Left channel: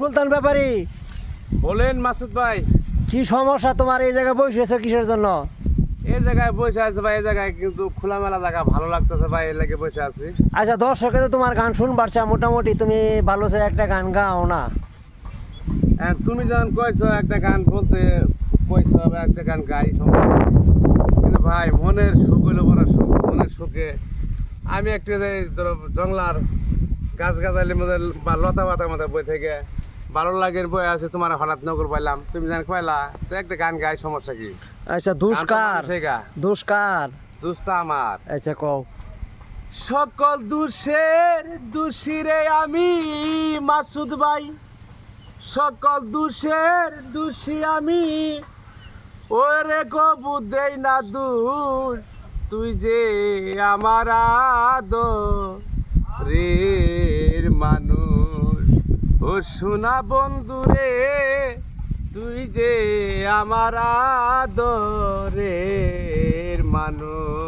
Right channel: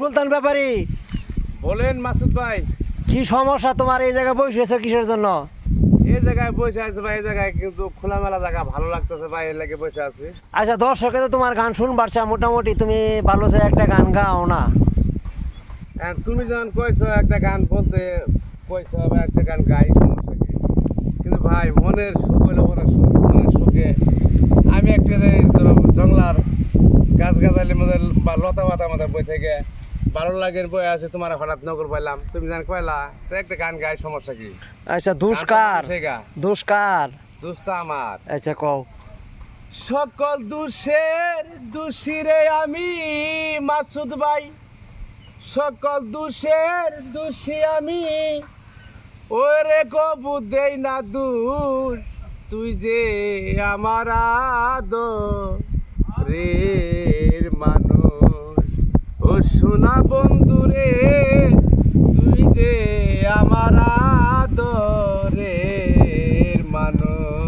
সুলতান ব্যাপারী, বলেন মাসুদ ভাই। কি সমস্যা তোমার? এই জায়গায় বসেছো কিসের জন্য? এই জায়গায় বসে আছে ভাই, এই জায়গায় কিন্তু খোলামেলা জায়গা ভালো লাগতেছে ভাই, এই লেগে বসে আছি। আচ্ছা, দর্শকে তো তোমার গান শুনবার চা, মোটামুটি তুমি ভালো চাই একটা গান গাও না? তুমি যখন কইছো একটা গান বলতে, কইছো আবার একটা গান গাই, কিন্তু ভাই মনের সুখ হইলো বড় সুখ। মনের সুখে আমি একটা ধরো জংলার গাছ গাছালির মধ্যে বা লতা পাতার মধ্যে বই থেকে ভালো লাগে বই আছে, তোমার হঠাৎ নগর পাইলাম, তুমি জান কইলা তো একটা গান গাই, সমস্যা কি? আচ্ছা, দুষ্কার দুষ্কার দুষ্টা আমার। আচ্ছা, কও। সকল দোষের দোষী রে আমি মাসুদ ভাই, সকল দোষের দোষী আমি, ওরে কবু দেই না দূর, তুই যে আমার আদরের মানুষ। ও সোনা বন্ধু রে, তুই যে আমার আদরের মানুষ।